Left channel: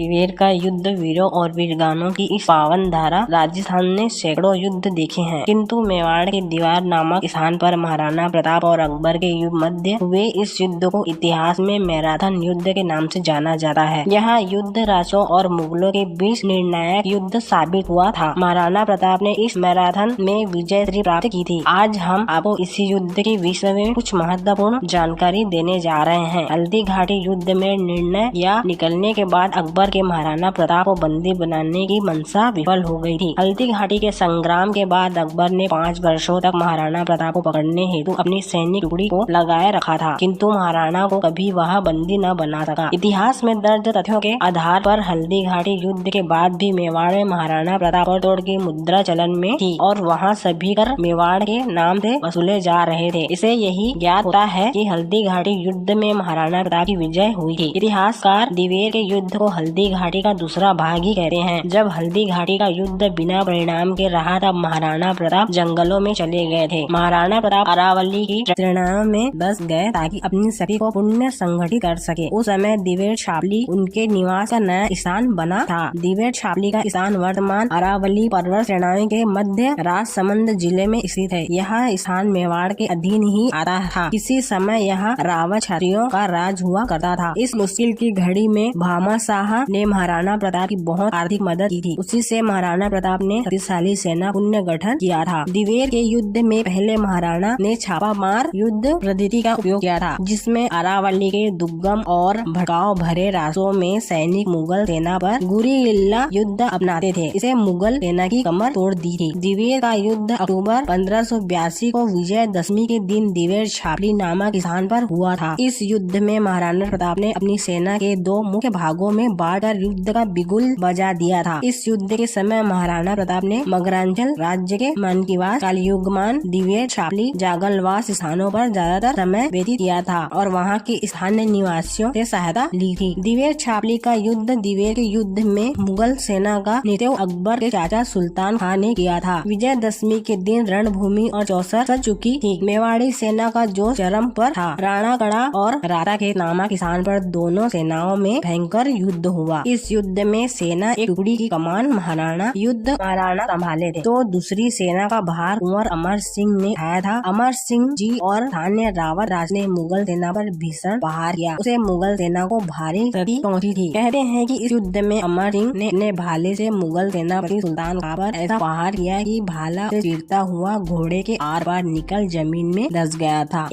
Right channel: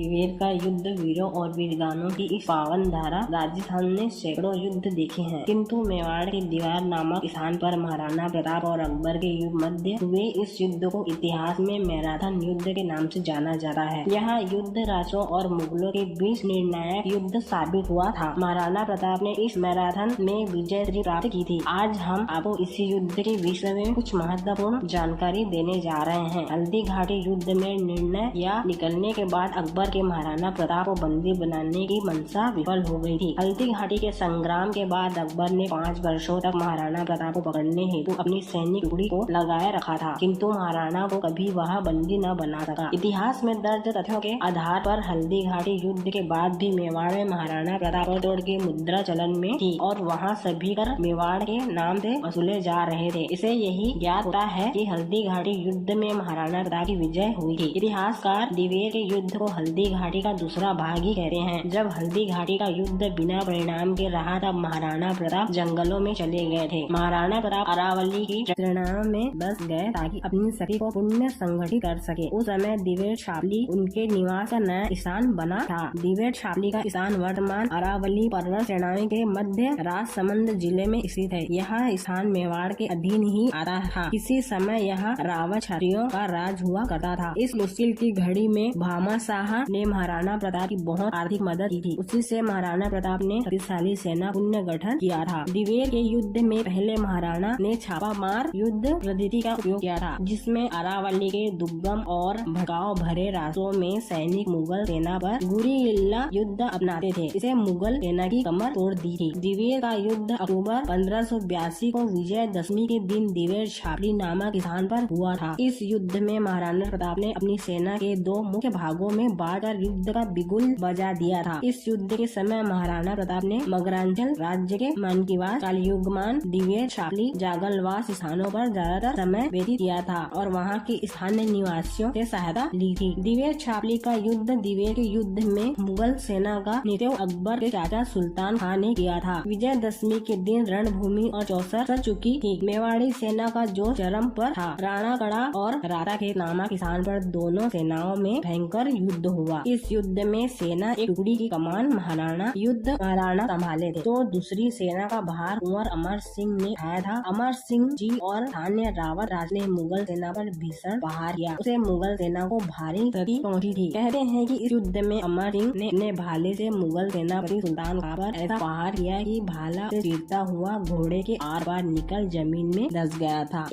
दिवेर का युद्ध वीरों और वीरगानों की इस पावन धारा। राजस्थान ने सैकड़ों युद्ध देखे हैं, किंतु मेवाड़ के दीवार नामक स्थान पर महाराणा प्रताप और अकबर के मध्य हुए इस युद्ध को इतिहास में मैराथन युद्ध के नाम से जाना जाता है। यह युद्ध राजों और मुगलों के बीच निर्णायक युद्ध साबित हुआ था। महाराणा प्रताप ने इस मैराथन में विजय श्री प्राप्त की थी। आज हम आपको इसी युद्ध के विषय में कुछ महत्वपूर्ण जानकारी देने जा रहे हैं। हल्दी घाटी युद्ध में निर्णय या निकलने के बाद अकबर के महाराणा प्रताप को बंदी बनाने की मंशा विफल हो गई थी। हल्दी घाटी के संग्राम के बाद अकबर ने 5 वर्षों तक महाराणा प्रताप को पकड़ने हेतु अपनी सैनिक टुकड़ी को लगाए रखा था, किंतु महाराणा को कभी वह बंदी न बना सका। इतिहास में दर्ज तथ्यों के आधार पर हल्दी घाटी युद्ध के बाद भी मेवाड़ में महाराणा प्रताप और तोड़ की मुद्रा चलन में थी और वहाँ सभी कर मेवाड़ के नाम से वसूले जा रहे थे। इसे यही ज्ञात होता है कि हल्दी घाटी युद्ध में महाराणा प्रताप की विजय हुई थी। इतिहासकार दिवेर के युद्ध को हल्दी घाटी का दूसरा भाग ही कहते हैं। जब हल्दी घाटी का युद्ध बिना परिणाम के रहा तब महाराणा प्रताप जंगलों में चले गए थे। महाराणा प्रताप अरावली की प्रेरणा में बस गए ताकि अपनी शक्ति को पुण्य संगठित कर सके। उस समय दिवेर छावली उनके निवास का नया स्थान बना था। दिवेर छावली का स्थान वर्तमान अरावली पर्वत श्रेणी के मध्य राजसमंद जिले में स्थित है। यह स्थान मेवाड़ के अधीन ही आता था। किसी समय यहाँ रावत क्षत्रियों का राज हुआ करता था। इस मुश्किल की घड़ी में भामा शाह ने महाराणा प्रताप की बहुत आर्थिक मदद की थी। उसी से महाराणा प्रताप ने शक्तिशाली सेना पुण्य गठन किया था। दिवेर के युद्ध में पहले महाराणा ने छापा मार युद्ध पद्धति का उपयोग किया था, जिसमें अरावली के दुर्गम और भड़काव भरे रास्तों में सैनिक मुगल सेना पर गुरिल्ला युद्ध अपनाते थे। इसे मुगल सेना की कमर तोड़ दी थी। दिवेर का युद्ध अक्टूबर 1582 को विजयदशमी के दिन दिवेर छावली नामक स्थान पर हुआ था। इस युद्ध में महाराणा प्रताप ने अपनी सेना के 2 मुख्य भागों में बांटकर युद्ध का बिगुल बजा दिया था। इस युद्ध के समय महाराणा प्रताप ने मगरांचल राज्य के मानकीवास, कालीयुगमान, दिवेर छावली, जागलवास स्थानों पर ज्यादातर समय व्यतीत किया था और वहाँ के स्थानीय निवासियों से सहायता ली थी। दिवेर छावली का युद्ध दिवेर के युद्ध में मुगल सेना का नेतृत्व अकबर के चाचा सुल्तान खान ने किया था। विजयदशमी के दिन रणभूमि और चौसर सज चुकी थी। मेवाड़ी सेना का जो चरम पर था। राणाकड़ा और राताखेत नामक स्थान पर दोनों सेनाओं में भयंकर युद्ध हुआ। इस युद्ध में सेना एक टुकड़ी की कमान महाराणा संभाले थे, तो दूसरी सेना का भार कुंवर अमर सिंह ने उठाया था। अमर सिंह जी और स्थानीय रावत राज ने मुगल सेना पर भीषण प्रहार किया। उसे मुगल सेना को भारी क्षति पहुंची थी। कहते हैं कि इस युद्ध में अमर सिंह ने अपने भाले से मुगल सेनापति सुल्तान खान पर ऐसा प्रहार किया कि भाला से चीरता हुआ घोड़े के आर पार निकल जमीन में धंस गया था।